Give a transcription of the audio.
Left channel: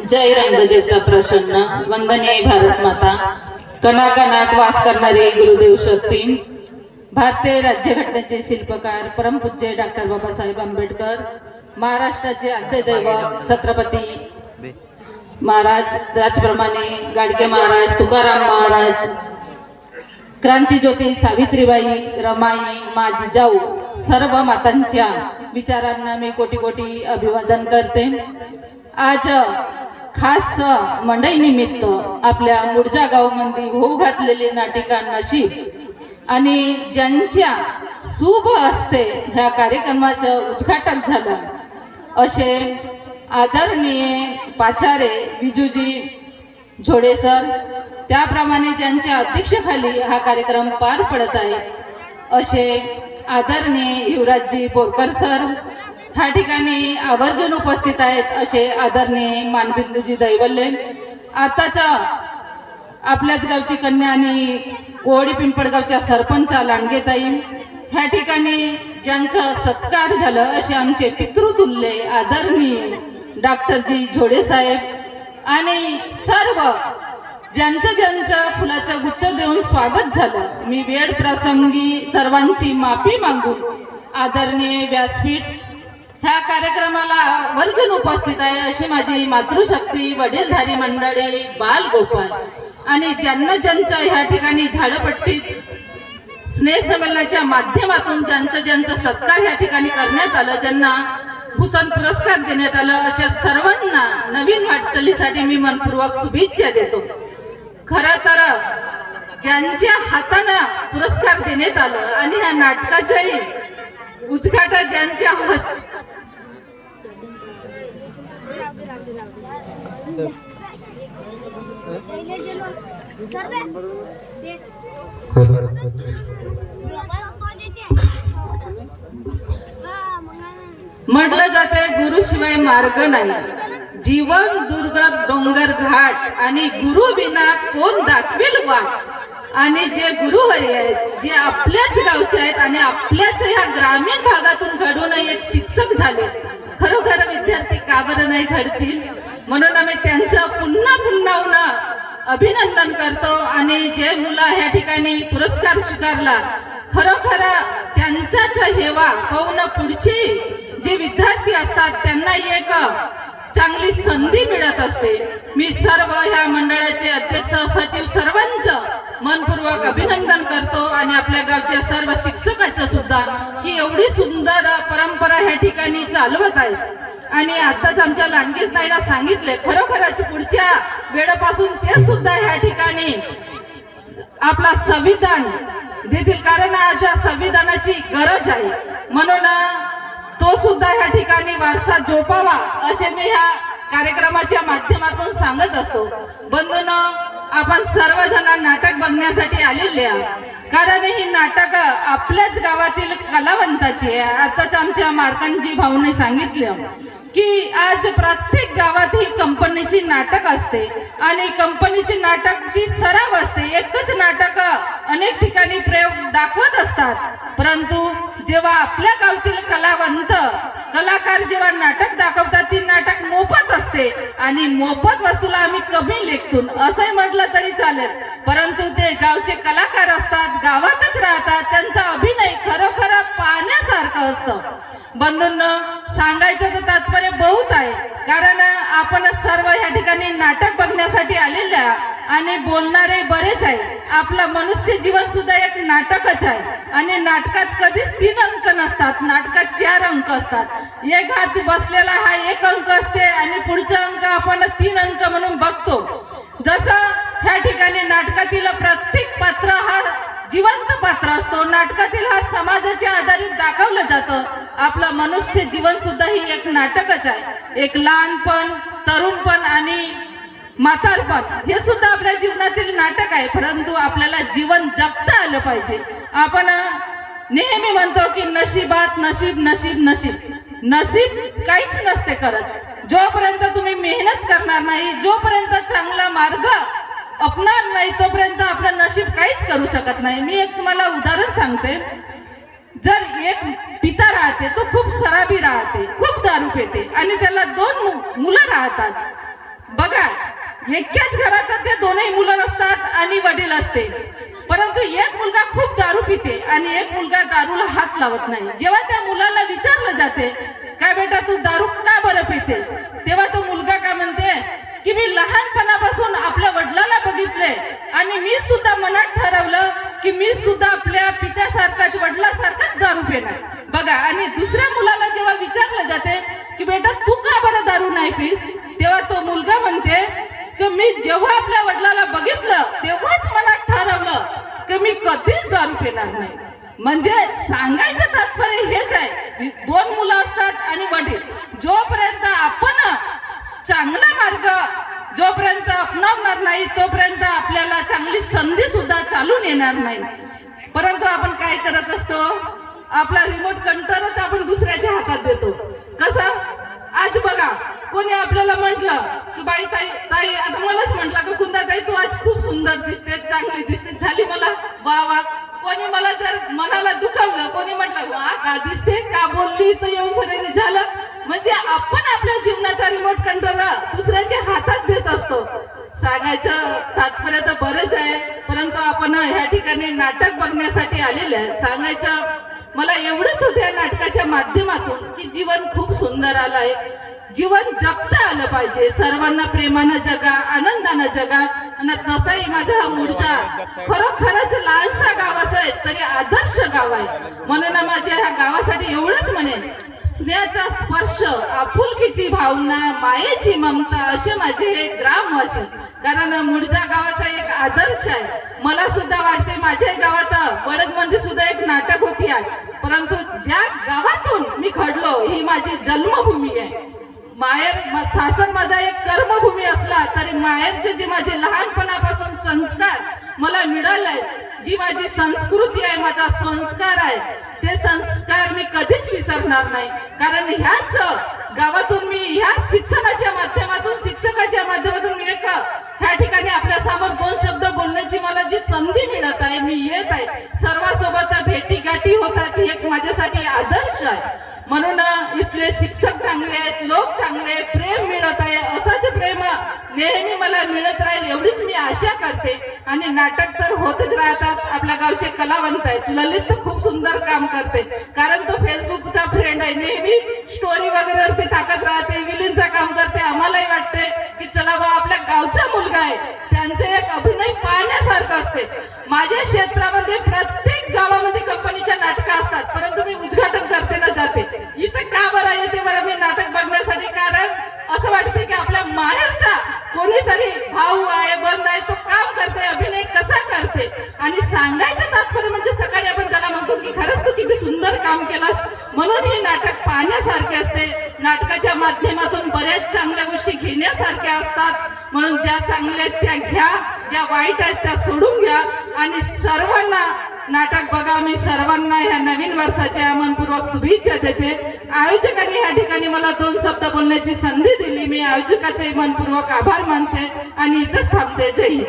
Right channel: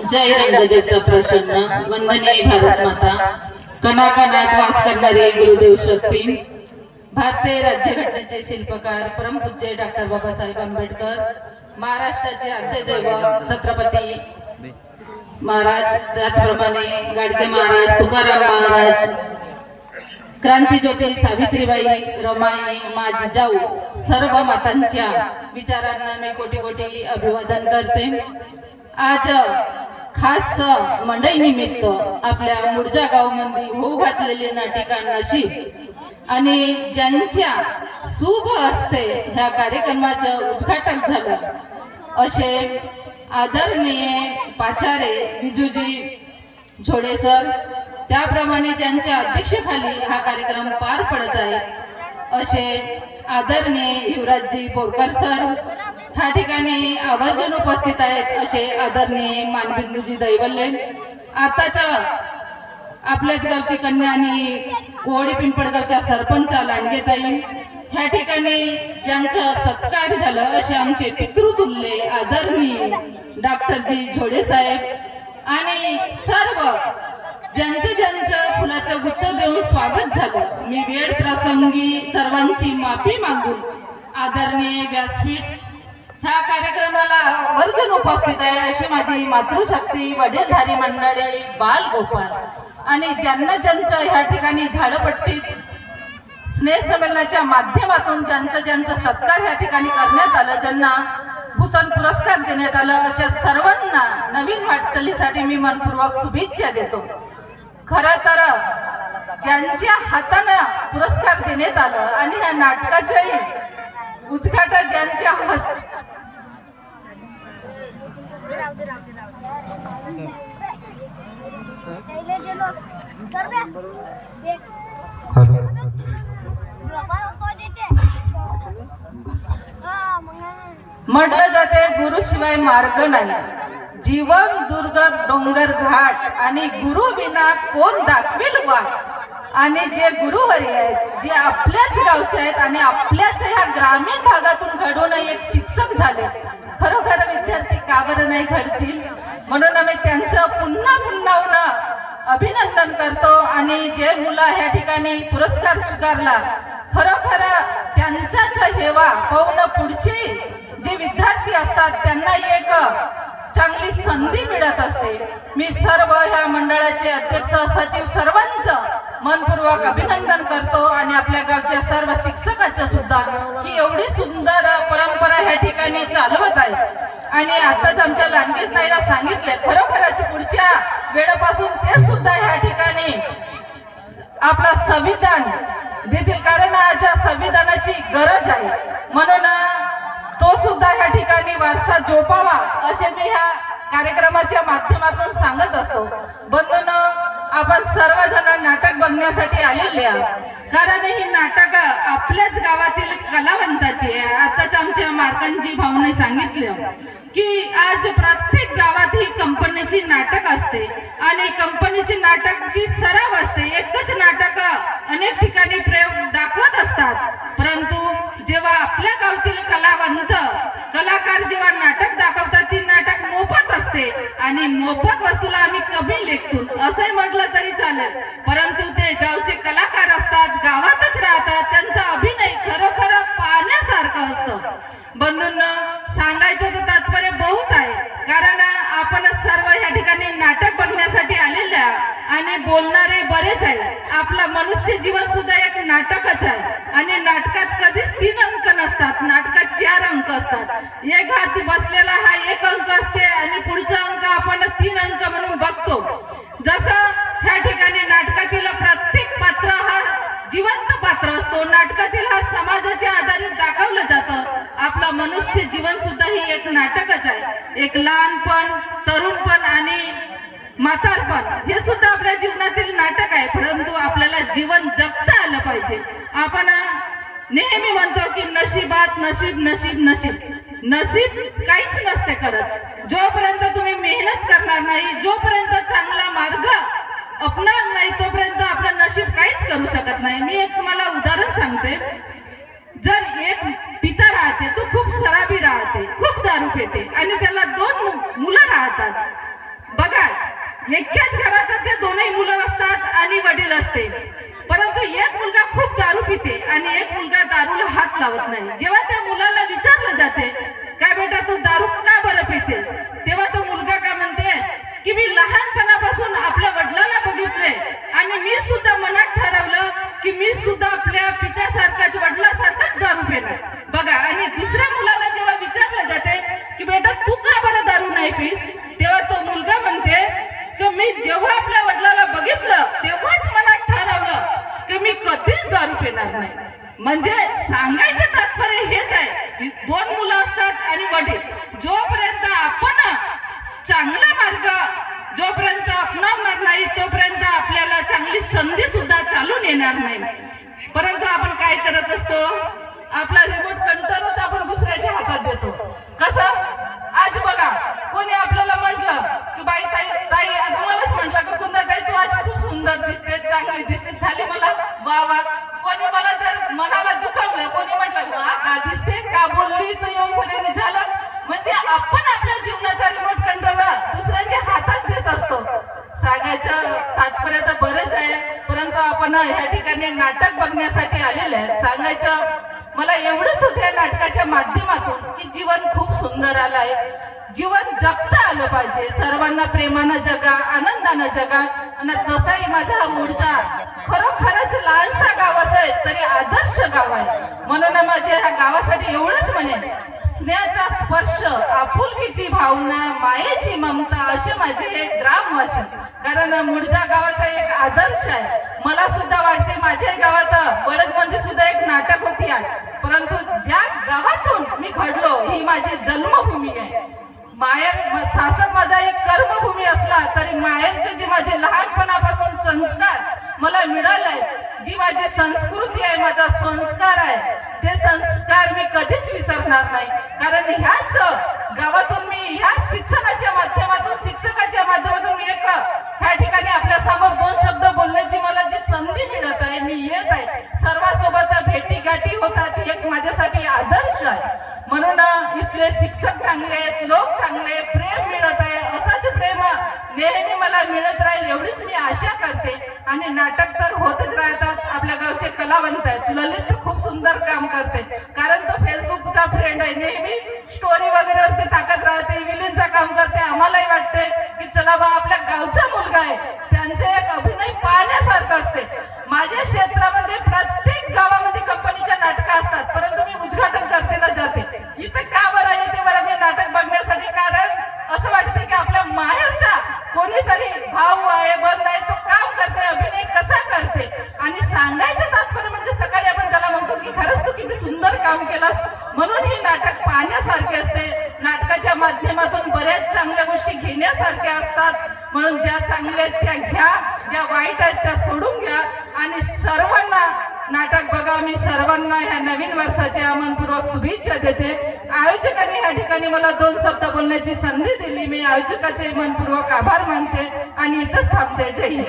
जय रंगदेवता प्रसन्न वंदनीय भारत माता कणाकणात वास करणारे गुरुदेव शक्ती भारतीय राज्यघटनेचे शिल्पकार परमपूज्य डॉक्टर बाबासाहेब आंबेडकर महाराष्ट्राचे आद्यदैव छत्रपती महाराज त्याचप्रमाणे गाडगे महाराज तुकाराम महाराज क्रांती क्रांतीज्योती सावित्रीबाई रमाई माझी जाऊ सर्व मातांच्या विचारांना मी कोटी कोटी अभिवादन करते. आज खास मंडई निमित्त आपल्या मुडजा गावामध्ये होऊ घातलेले नाटिकांनाशी आणि ज्यांच्या शुभ असते ह्या कार्यक्रमाचं उद्घाटन झालं असे आदरणीय पाचारे बिजूजी झोडे सर त्याप्रमाणे ज्यांच्या अध्यक्षतेखाली हा कार्यक्रम पार पडत आहे असे आदरणीय युवराजजी बोरकर सर ह्या ठिकाणी आवर्जून उपस्थित आहेत असे आदरणीय मानविंदूजी दैवल्ले आताच्या आपल्याच गावची कन्या आणि कोवडी पिंपळगावच्या सरपंच लांडगेताई. ह्या ठिकाणी ज्यांचं सत्कार झालं असे आमचे पितृतुल्य आदरणीय डॉक्टरजी झोडे साहेब आणि सर्व ज्यांचं ज्यांचं फुलाचं गुच्छ देऊन स्वागत झालं. मी वेळ प्रसंगी सर्वांची माफी मागून आदरणीय व्यासपीठ ह्या कार्यक्रमाला वर्जन उपस्थित आहे अशी माझी मातृशक्ती वडीलधारी मंडळी बाल गोपाल. आणि ज्यांना ज्यांच्या ह्या ठिकाणी झाडपट्टीत स्नेहसंमेलनाच्या माध्यमातून ज्यांचं ज्यांचा सत्कार ह्या ठिकाणी करण्यात आलं ज्यांना भूषण पुरस्कार देण्यात आलं अशा सर्वांना नवीन वाटचालीसाठी मी मनपूर्वक शुभेच्छा देतो. खर तर ज्यांच्या हातानं पुरस्कार देण्यात आलं आणि ह्या नाटकाच्याही उद्घाटन ज्यांच्या हस्त म्हटलं जाते गुरुशिवाय मार्ग नाही. जीवन दुर्ग डोंगर घाट आणि गुरु विना कोण दाखवेल वाट? आणि जे गुरुवर्य आहेत जे आपल्याच गावचे आहेत आणि आपल्याच ह्या ग्रामीण भागातून घडून एक शिक्षक झाले. खरोखर विद्यार्थी का बरं नाही घडतील? म्हणून आम्ही त्यांचं पुन्हा पुन्हा अभिनंदन करतो आणि जे मुलं ह्या ठिकाणी पुरस्कार स्वीकारला खरोखर त्यांचाच हेवा होऊन पुढची जे विद्यार्थी असतात त्यांना एक चांगली संधी मिळत असते. मी सर्व ह्या मंडळाचे अध्यक्ष सचिव सर्वांचं मनपूर्वक अभिनंदन करतो आणि आपल्या गावच्या सर्व शिक्षकाचं सुद्धा. की एवढी सुंदर परंपरा ह्या ठिकाणी चालवत आहे. आणि आताच आमच्या लांडगीत ताईला सांगितले खरोखरच पुढच्या वेळेपासून ते सुद्धा ह्या ठिकाणी आपला संविधान देतील. कारण आज संविधानाची गरज आहे. म्हणून तो सुद्धा ह्या ठिकाणी वारसा जोपावा असे मी ह्या कार्यक्रमाच्या माध्यमातून सांगत असतो. बंधूंनो आपण सर्वजण नाटक बघण्यासाठी आलेले आहोत. कारण ही नाटक आपल्याच गावातील कलावंताची आहे. आताच आमच्या मार्कंडजी भाऊने सांगितलं की आज प्रत्येक गावात ही कंपनीची नाटक असते आणि कंपनीची नाटक ती सराव असते. एकच नाटक अनेक ठिकाणी प्रयोग दाखवत असतात. परंतु जेव्हा आपल्या गावातील कलावंत कलाकार जेव्हा नाटक दाखवतात ती नाटक मोफत असते. आणि मोफत वस्तूला आम्ही कमी लेखतून असंही म्हटलं तरी चालेल. परंतु ते गावचे कलाकार असतात गावातच राहतात त्यांचा अभिनय खरोखर पाहण्यासारखं असतं. बंधूंना सांगायचं तर तात्पर्य बहुत आहे. कारण आपण सर्व या ठिकाणी नाटक आणि बोलणारे बरेच आहे आपलं मनुष्य जीवन सुद्धा एक नाटकच आहे. आणि नाटकात कधीच तीन अंक नसतात. नाटकात चार अंक असतात. एक हात बसलेला हा एक अंक असते आणि पुढचा अंक आपण तीन अंक म्हणून बघतो. जसं ह्या ठिकाणी नाटकातील प्रत्येक पात्र हा जिवंत पात्र असतो. नाटकातील हा समाजाच्या आधारित दाखवलं जातं. आपलं मनुष्य जीवन सुद्धा ही एक नाटकच आहे. एक लहानपण तरुणपण आणि म्हातारपण हे सुद्धा आपल्या जीवनातील नाटक आहे परंतु आपल्याला जीवन जगता आलं पाहिजे. आपण नेहमी म्हणतो की नशिबात नशीब नशीब नशीब. नशीब काहीच नसते करत. जोपर्यंत तुम्ही मेहनत करणार नाही जोपर्यंत चांगला मार्ग अपणार नाही तोपर्यंत आपलं नशीब काहीच करू शकत नाही. मी एक तुम्हाला उदाहरण सांगते. जर एक पिता राहते तो खूप सराबी राहते खूप दारू पेटे आणि त्याला दोन मु- मुलं राहतात. बघा एकाच घरात ते दोनही मुलं असतात आणि वडील असते. परंतु एक मुलगा खूप दारू पिते आणि एक मुलगा दारूला हात लावत नाही. जेव्हा त्या मुलाला विचारलं जाते काय बेटा तू दारू का बरं पिते? तेव्हा तो मुलगा काय म्हणते की मी लहानपणापासून आपल्या वडिलाला बघितले आणि मी सुद्धा मनात ठरवलं की मी सुद्धा आपल्या पित्यासारखाच वडिलासारखाच दारू पिणार. बघा आणि दुसऱ्या मुलाला जेव्हा विचारलं जाते की बेटा तू का बरं दारू नाही पीस तेव्हा तो मुलगा म्हणते की मी जेव्हा आपल्या वडिलाला बघितलं तेव्हाच मनात ठरवलं की मी कधीच दारू पिणार नाही. म्हणजे सांगायचं तात्पर्य हेच आहे. दोन मुलं असतात आणि वडील. जोपर्यंत आपण चांगला मार्ग जोपर्यंत अपनावणार नाही तोपर्यंत आपल्याला चांगली संधी सुद्धा चालून येणार नाही. परंतु आपण काय करत असतो? आपला रिमोट कंट्रोल आपण दुसऱ्याच्या हातात देतो कसं आज बघा कोणी आपल्याला म्हटलं की बाई ताई ताई आता मलाच म्हटलं की कुंदा ताई तू आज खूप सुंदर दिसते चांगली दिसते. झाली मला वा वा कोणी मला जर मनाला दुखावलं कोणी म्हटलं वा का दिसते का बोलली तर येऊन सगळ्यांनी झालं? म्हणजे आपण आपल्या जीवनाचा रिमोट कंट्रोल दुसऱ्याच्या हातात देत असतो. सांगायचं तात्पर्य तर बरेच आहे परंतु आपण ह्या ठिकाणी नाटक बघण्यासाठी आलेले आहे. सांगायचं मला एवढंच होतं या नाटकाच्या माध्यमातून की जीवन खूप सुंदर आलं आहे. जीवन जगता आलं पाहिजे. सर्वांना प्रेमानं जगा आनंदानं जगा. आणि तसाही माझा हा मूळचा खरोखरच लहानसा गाव असेल तरी आदर्श गाव आहे. म्हणून माझ्या ह्या गावासाठी एवढंच म्हणेन स्नेहाचा स्पर्श आपुलकीची भावना मायेची ममता असे माझे हे ग्राम असेल कारण मुळजा गावाचा एक आदर्श आहे. मला सुद्धा वाटते माझ्या गावात बळद म्हणजे सुद्धा एक नाटक होती आहे परंतु ज्या गावातून मी घडलो ही माझी जन्मभूमी आहे. माहेर सासर माझा एक कर्मभूमी असला तरी माहेरचे जे माझे लहानपणापासून संस्कार मला मिळालाय जी माझी संस्कृती आहे माझा संस्कार आहे ते संस्कार मी कधीच विसरणार नाही. कारण ह्याच गावातून मी ह्याच शिक्षणाच्या चांगले प्रेम मिळत आहे. असंच प्रेम नेहमी मला मिळत राहील एवढीच मी आशा करते. आणि नाटक तर होतच राहतात. आपल्या गावचे कलावंत आहेत. ललित तर खूप सुंदर काम करते. कारण तो फेसबुकचा फ्रेंड आहे. नेहमी स्टोरी वगैरे वरती टाकत राहते. विलीनचा काम करते. आम्हालाही वाटते की चला बा आपल्या गावचा मुलगा आहे. त्यांचे एक अभिनय पाहण्यासारखं असते. माझ्या क्षेत्रात प्रत्येक गावामध्ये कंपनीच्या नाटकं असतात परंतु मी उद्घाटन करते ना जाते इथं का बरं येते बरं मी नाटक बघण्यासाठी कारण असं वाटते की आपल्या माहेरचा कोणीतरी भाऊ आहे बंद आहे तो काम करते अभिनय कसा करते आणि सांगायचं तात्पर्य म्हणजे सकाळी आपण त्याला म्हणतो की खरंच तू किती सुंदर काम केलास. म्हणून हे नाटक पाहण्यासारखे असते. नाटकाच्या माध्यमातून बऱ्याच चांगल्या गोष्टी घेण्यासारख्या असतात. म्हणून ज्या चांगल्या आहेत त्या घ्या ज्या वाईट आहेत त्या सोडून घ्या. आणि सर्वांना नाटक बघा मी सर्वांना ह्या नवीन वर्षाच्या मनपूर्वक शुभेच्छा देते. आयोजकांनी ह्या ठिकाणी मला दोन शब्द बोलण्याची संधी दिली. मी आयोजकाचे मनपूर्वक आभार मानते आणि इथंच थांबते. जय हिंद.